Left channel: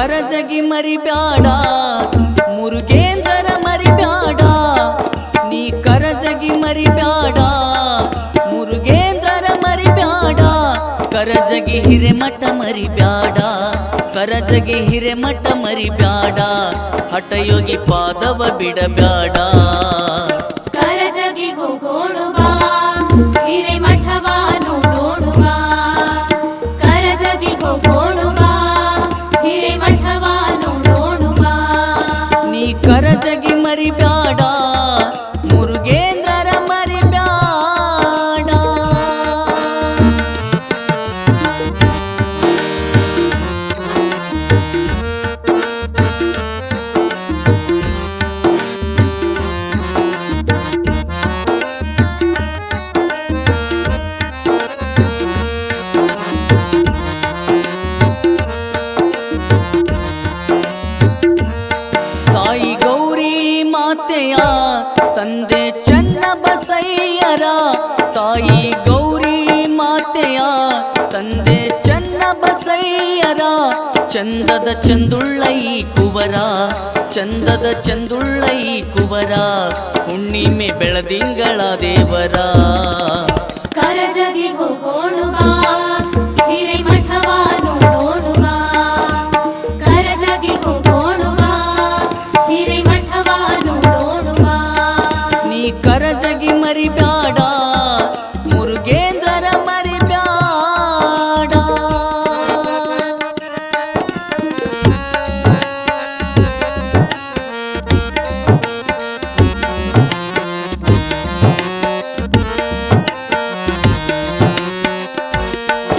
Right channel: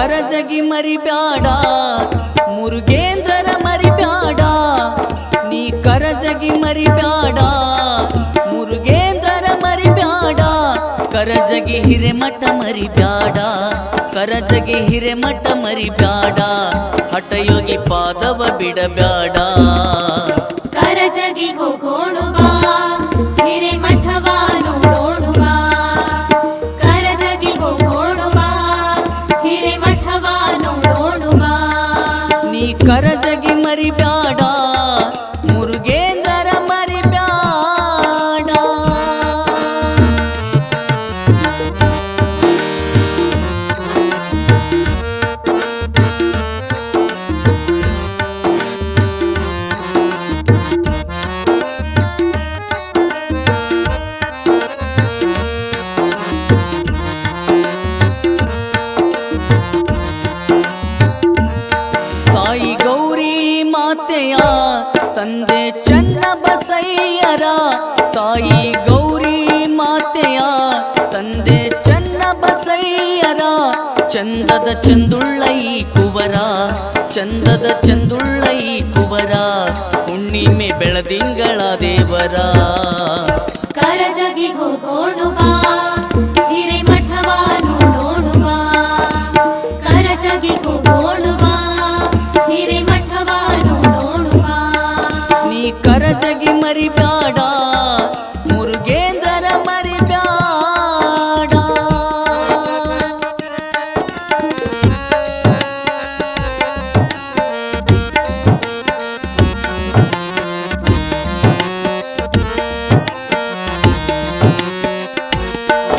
ಕರಜಗಿ ಮರಿಬ್ಯಾಡ ಮುರುಗೇಂದ್ರರ ಮರಿಬ್ಯಾಡ ನೀ ಕರಜಗಿ ಮರಿಬ್ಯಾಡ ಮುರುಗೇಂದ್ರರ ಮರಿಬ್ಯಾಡ ಕರಜಗಿ ಹಿರೇಮಠ ಮರಿಬ್ಯಾಡ ಕರಜಗಿ ಹಿರೇಮಠ ಮರಿಬ್ಯಾಡ ಹಠಯೋಗಿ ಪಾದವ ಬಿಡಬ್ಯಾಡ ಕರಜಗಿ ಹೋಗೋಣು ಬಾ ಹಿರೇಮಠವ ನೋಡೋಣು ಬಾ ಕರಜಗಿ ಹೋಗೋಣು ಬಾ ಹಿರೇಮಠವ ನೋಡೋಣು ಬಾ ನೀ ಕರಜಗಿ ಮರಿಬ್ಯಾಡ ಮುರುಗೇಂದ್ರರ ಮರಿಬ್ಯಾಡ ತಾಯಿ ಗೌರಿ ಮಾತೆಯ ತಂದೆ ಚನ್ನ ಬಸಯ್ಯರ ತಾಯಿ ಗೌರಿ ಮಾತೆಯ ತಂದೆ ಚನ್ನ ಬಸಯ್ಯರ ಚಂದದ ಚಂದುಳ್ಳೈ ಕುವರ ಚಂದದ ಚಂದುಳ್ಳೈ ಕುವರ ಹುಣ್ಣಿಮೆ ಬೆಳದಿಂಗಳ ದೇವರ ಕರಜಗಿ ಹೋಗೋಣು ಬಾ ಹಿರೇಮಠವ ನೋಡೋಣು ಬಾ ಕರಜಗಿ ಹೋಗೋಣು ಬಾ ಹಿರೇಮಠವ ನೋಡೋಣು ಬಾ ನೀ ಕರಜಗಿ ಮರಿಬ್ಯಾಡ ಮುರುಗೇಂದ್ರರ ಮರಿಬ್ಯಾಡ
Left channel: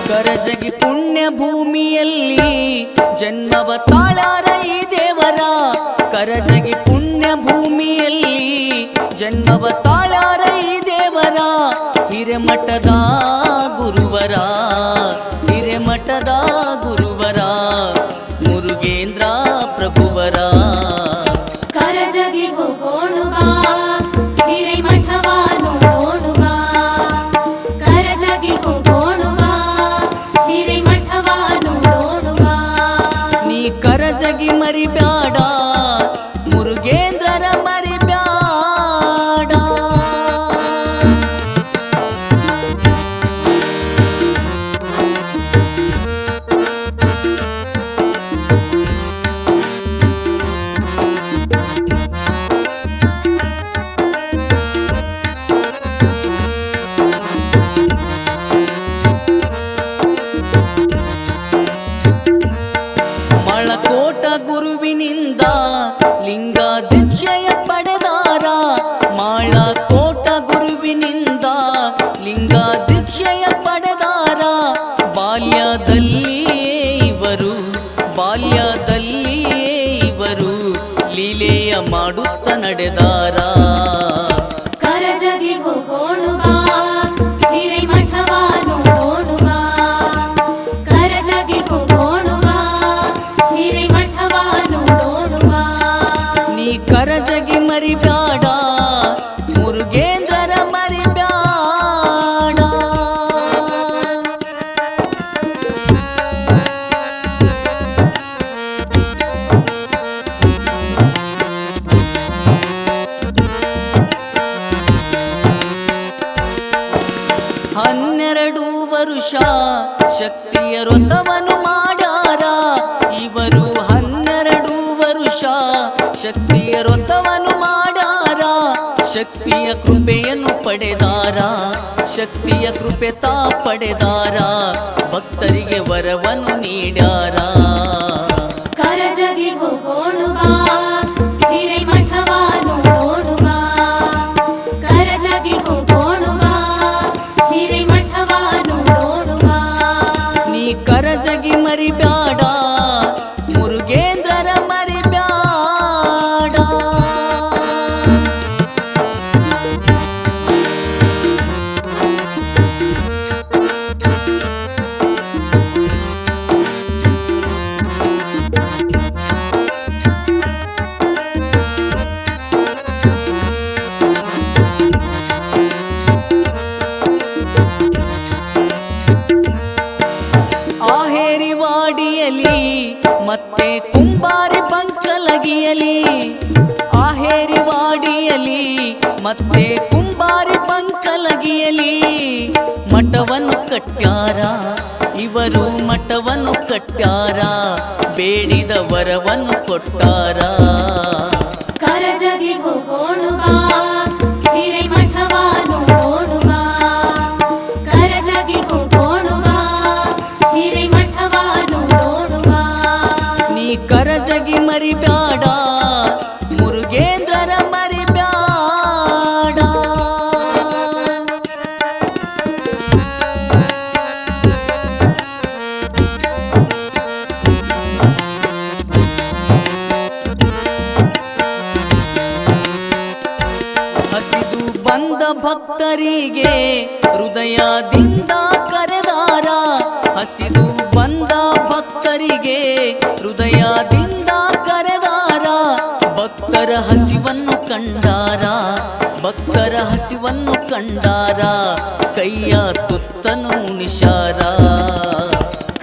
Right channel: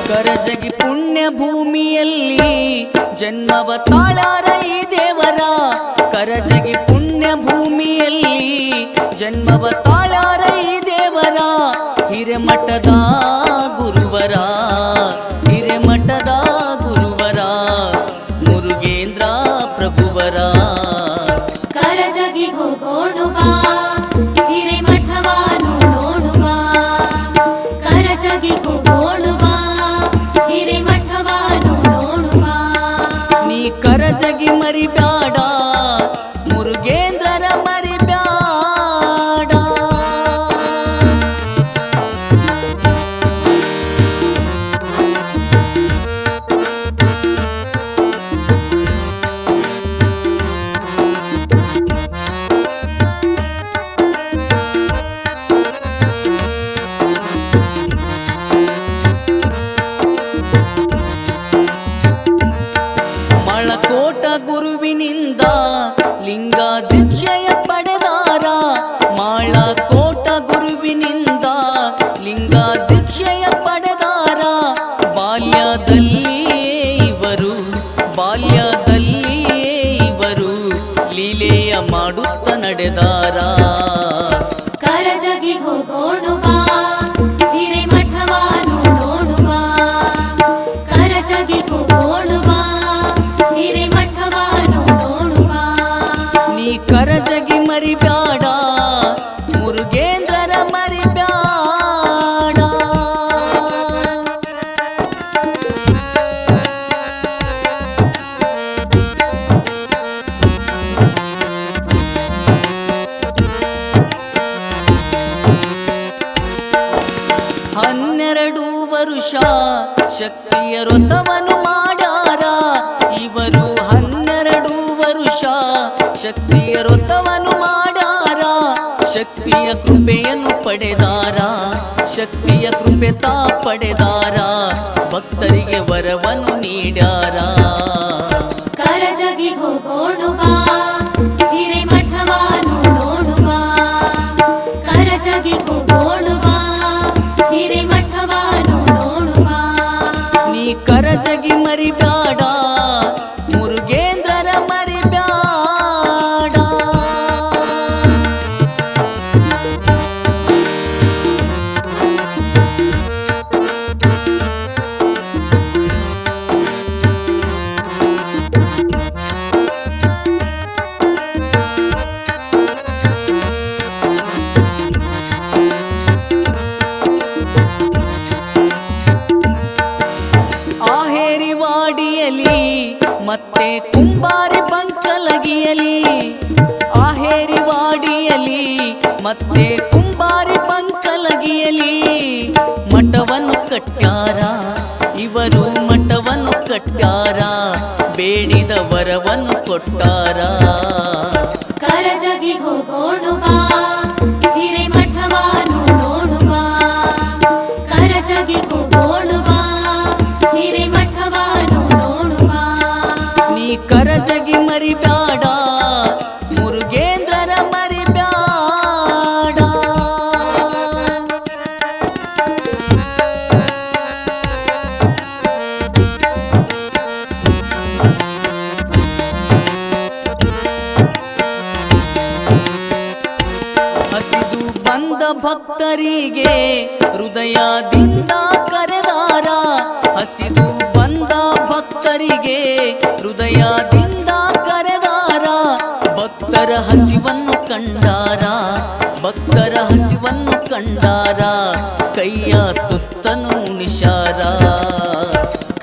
ಕರಜಗಿ ಪುಣ್ಯ ಭೂಮಿಯಲ್ಲಿ ಜನ್ಮವ ತಾಳಾರ ಈ ದೇವರ ಕರಜಗಿ ಪುಣ್ಯ ಭೂಮಿಯಲ್ಲಿ ಜನ್ಮವ ತಾಳಾರ ಈ ದೇವರ ಹಿರೇಮಠದ ಗುರುವರ ಹಿರೇಮಠದ ಗುರುವರ ಮುರುಗೇಂದ್ರ ಪ್ರಭುವರ ಕರಜಗಿ ಹೋಗೋಣು ಬಾ ಹಿರೇಮಠವ ನೋಡೋಣು ಬಾ ಕರಜಗಿ ಹೋಗೋಣು ಬಾ ಹಿರೇಮಠವ ನೋಡೋಣು ಬಾ ನೀ ಕರಜಗಿ ಮರಿಬ್ಯಾಡ ಮುರುಗೇಂದ್ರರ ಮರಿಬ್ಯಾಡ ಮಳಕೋಟ ಗುರುವಿನಿಂದ ಲಿಂಗ ದೀಕ್ಷೆಯ ಪಡೆದಾರ ಮಾಳಕೋಟ ಗುರುವಿನಿಂದ ಲಿಂಗ ದೀಕ್ಷೆಯ ಪಡೆದಾರ ಬಾಲ್ಯದಲ್ಲಿಯೇ ಇವರು ಲೀಲೆಯ ಮಾಡುತ್ತ ನಡೆದಾರ ಕರಜಗಿ ಹೋಗೋಣು ಬಾ ಹಿರೇಮಠವ ನೋಡೋಣು ಬಾ ಕರಜಗಿ ಹೋಗೋಣು ಬಾ ಹಿರೇಮಠವ ನೋಡೋಣು ಬಾ ನೀ ಕರಜಗಿ ಮರಿಬ್ಯಾಡ ಮುರುಗೇಂದ್ರರ ಮರಿಬ್ಯಾಡ ಹನ್ನೆರಡು ವರುಷ ಶಕ್ತಿಯ ವ್ರತವನ್ನು ಮಾಡ್ಯಾರ ಇವರು 12 ವರುಷ ಶಕ್ತಿಯ ವ್ರತವನ್ನು ಮಾಡ್ಯಾರ ಶಕ್ತಿಯ ಕೃಪೆಯನ್ನು ಪಡೆದಾರ ಶಕ್ತಿಯ ಕೃಪೆ ತಾ ಪಡೆದಾರ ಭಕ್ತರಿಗೆ ವರವನ್ನು ನೀಡ್ಯಾರ ಕರಜಗಿ ಹೋಗೋಣು ಬಾ ಹಿರೇಮಠವ ನೋಡೋಣು ಬಾ ಕರಜಗಿ ಹೋಗೋಣು ಬಾ ಹಿರೇಮಠವ ನೋಡೋಣು ಬಾ ನೀ ಕರಜಗಿ ಮರಿಬ್ಯಾಡ ಮುರುಗೇಂದ್ರರ ಮರಿಬ್ಯಾಡ ಮತ್ತೆ ಕುಂಬಾರಿ ಬಂಕಲಗಿಯಲಿ ಆಹೇರಿ ವಾಡಿಯಲಿ ಮತ್ತೆ ಕುಂಬಾರಿ ಬಂಕಲಗಿಯಲಿ ಮಠವನ್ನು ಕಟ್ಟ್ಯಾರ ಇವರು ಮಠವನ್ನು ಕಟ್ಟ್ಯಾರ ಬೇಡಿದ ವರವನ್ನು ಕೊಟ್ಟಾರ ಕರಜಗಿ ಹೋಗೋಣ ಬಾ ಹಿರೇಮಠವ ನೋಡೋಣ ಬಾ ಕರಜಗಿ ಹೋಗೋಣ ಬಾ ಹಿರೇಮಠವ ನೋಡೋಣ ಬಾ ನೀ ಕರಜಗಿ ಮರಿಬ್ಯಾಡ ಮುರುಗೇಂದ್ರರ ಮರಿಬ್ಯಾಡ ಹಸಿದು ಬಂದ ಭಕ್ತರಿಗೆ ಹೃದಯದಿಂದ ಕರೆದಾರ ಹಸಿದು ಬಂದ ಭಕ್ತರಿಗೆ ಹೃದಯದಿಂದ ಕರೆದಾರ ಭಕ್ತರ ಹಸಿವನ್ನು ಕಂಡಾರ ಭಕ್ತರ ಹಸಿವನ್ನು ಕಂಡಾರ ಕೈಯ ತುತ್ತನು ಉಣಿಶಾರ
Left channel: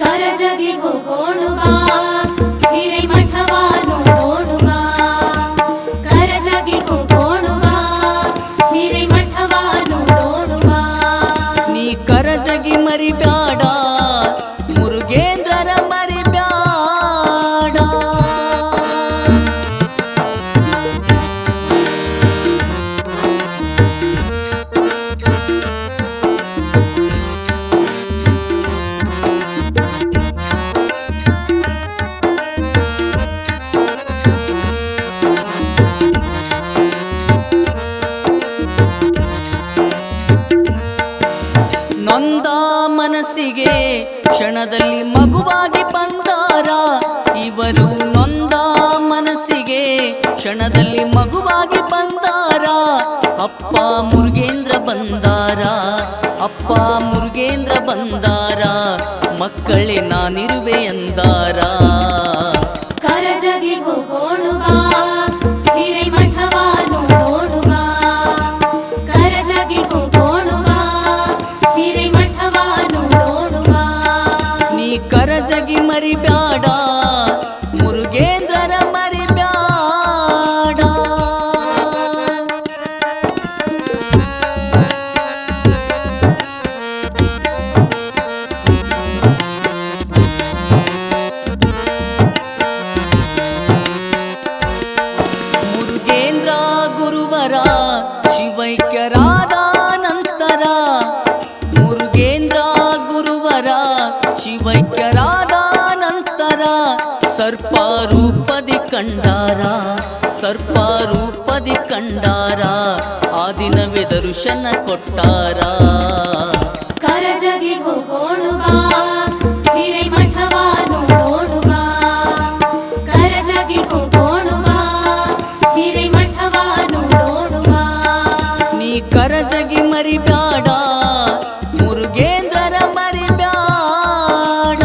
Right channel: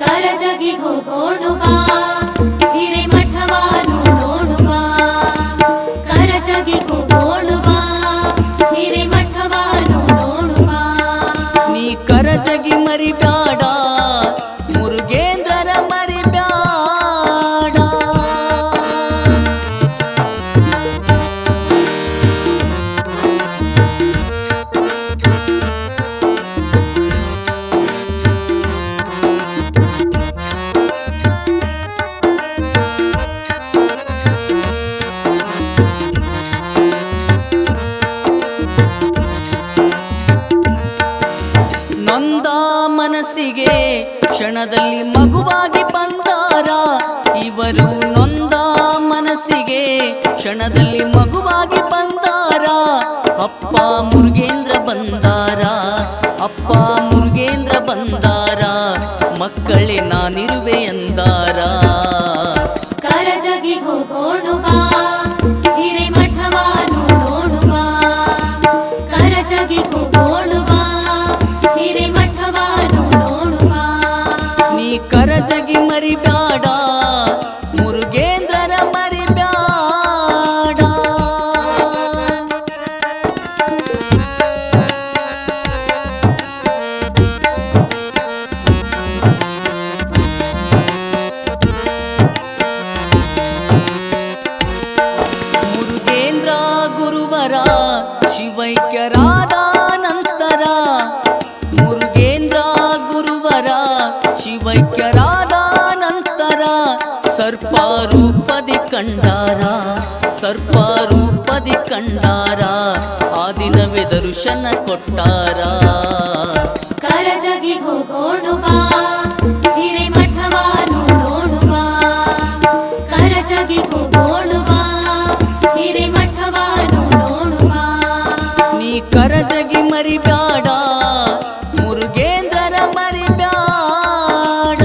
ಕರಜಗಿ ಹೋಗೋಣ ಬಾ ಹಿರೇಮಠವ ನೋಡೋಣ ಬಾ ಕರಜಗಿ ಹೋಗೋಣ ಬಾ ಹಿರೇಮಠವ ನೋಡೋಣ ಬಾ ನೀ ಕರಜಗಿ ಮರಿಬ್ಯಾಡ ಮುರುಗೇಂದ್ರರ ಮರಿಬ್ಯಾಡ ನೊಂದ ಮನಸ್ಸಿಗೆ ಕ್ಷಣದಲ್ಲಿ ಮಗುವಾಗಿ ಬಂದಾರ ಇವರು ನೊಂದ ಮನಸ್ಸಿಗೆ ಕ್ಷಣದಲ್ಲಿ ಮಗುವಾಗಿ ಬಂದಾರ ಅಪ್ಪ ಮುರುಗೇಂದ್ರ ಬಂದಾರ ಅಪ್ಪ ಮುರುಗೇಂದ್ರ ಬಂದಾರ ಮಕ್ಕಳೇ ನಾನಿರುವೆ ಎಂದಾರ ಕರಜಗಿ ಹೋಗೋಣ ಬಾ ಹಿರೇಮಠವ ನೋಡೋಣ ಬಾ ಕರಜಗಿ ಹೋಗೋಣ ಬಾ ಹಿರೇಮಠವ ನೋಡೋಣ ಬಾ ನೀ ಕರಜಗಿ ಮರಿಬ್ಯಾಡ ಮುರುಗೇಂದ್ರರ ಮರಿಬ್ಯಾಡ ಮುರುಗೇಂದ್ರ ಗುರುವರ ಶಿವೈಕ್ಯರಾದ ನಂತರ ಮುರುಗೇಂದ್ರ ಗುರುವರ ಶಿವೈಕ್ಯರಾದ ನಂತರ ಸರ್ಪರೂಪದಿ ಕಂಡಾರ ಸರ್ಪರೂಪದಿ ಕಂಡಾರ ಆ ದಿನವೇ ದರ್ಶನ ಕೊಟ್ಟಾರ ಕರಜಗಿ ಹೋಗೋಣ ಬಾ ಹಿರೇಮಠವ ನೋಡೋಣ ಬಾ ಕರಜಗಿ ಹೋಗೋಣ ಬಾ ಹಿರೇಮಠವ ನೋಡೋಣ ಬಾ ನೀ ಕರಜಗಿ ಮರಿಬ್ಯಾಡ ಮುರುಗೇಂದ್ರರ ಮರಿಬ್ಯಾಡ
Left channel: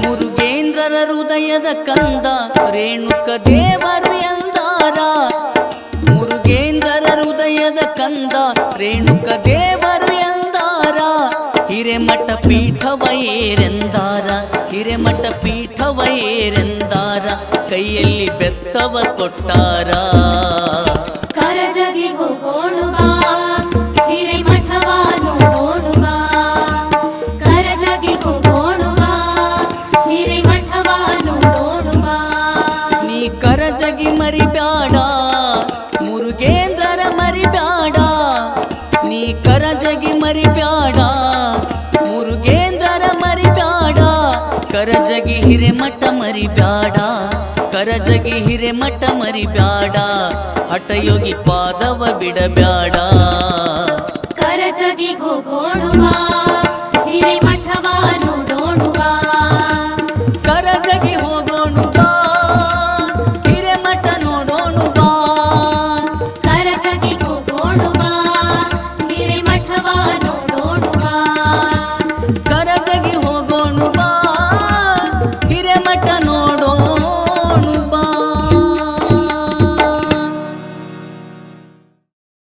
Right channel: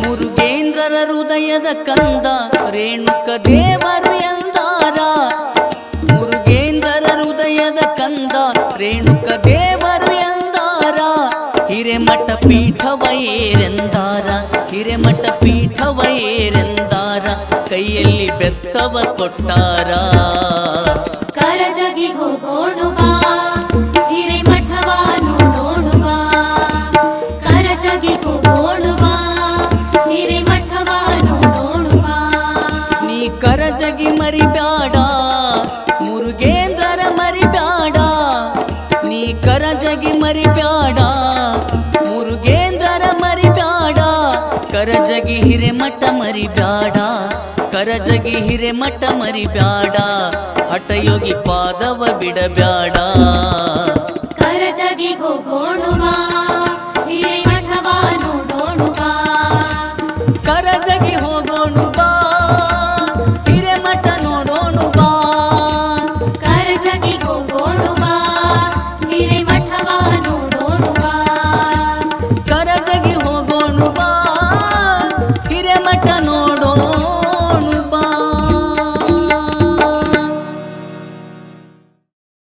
ಮುರುಗೇಂದ್ರರ ಹೃದಯದ ಕಂದ ರೇಣುಕ ದೇವರು ಎಂದಾರ ಮುರುಗೇಂದ್ರರ ಹೃದಯದ ಕಂದ ರೇಣುಕ ದೇವರು ಎಂದಾರ ಹಿರೇಮಠ ಪೀಠವ ಏರೆಂದಾರ ಹಿರೇಮಠ ಪೀಠವ ಏರೆಂದಾರ ಕೈಯಲ್ಲಿ ಬೆತ್ತವ ಕೊಟ್ಟಾರ ಕರಜಗಿ ಹೋಗೋಣ ಬಾ ಹಿರೇಮಠವ ನೋಡೋಣ ಬಾ ಕರಜಗಿ ಹೋಗೋಣ ಬಾ ಹಿರೇಮಠವ ನೋಡೋಣ ಬಾ ನೀ ಕರಜಗಿ ಮರಿಬ್ಯಾಡ ಮುರುಗೇಂದ್ರರ ಮರಿಬ್ಯಾಡ ನೀ ಕರಜಗಿ ಮರಿಬ್ಯಾಡ ಮುರುಗೇಂದ್ರರ ಮರಿಬ್ಯಾಡ ಕರಜಗಿ ಹಿರೇಮಠ ಮರಿಬ್ಯಾಡ ಕರಜಗಿ ಹಿರೇಮಠ ಮರಿಬ್ಯಾಡ ಹಠಯೋಗಿ ಪಾದವ ಬಿಡಬ್ಯಾಡ ಕರಜಗಿ ಹೋಗೋಣ ಬಾ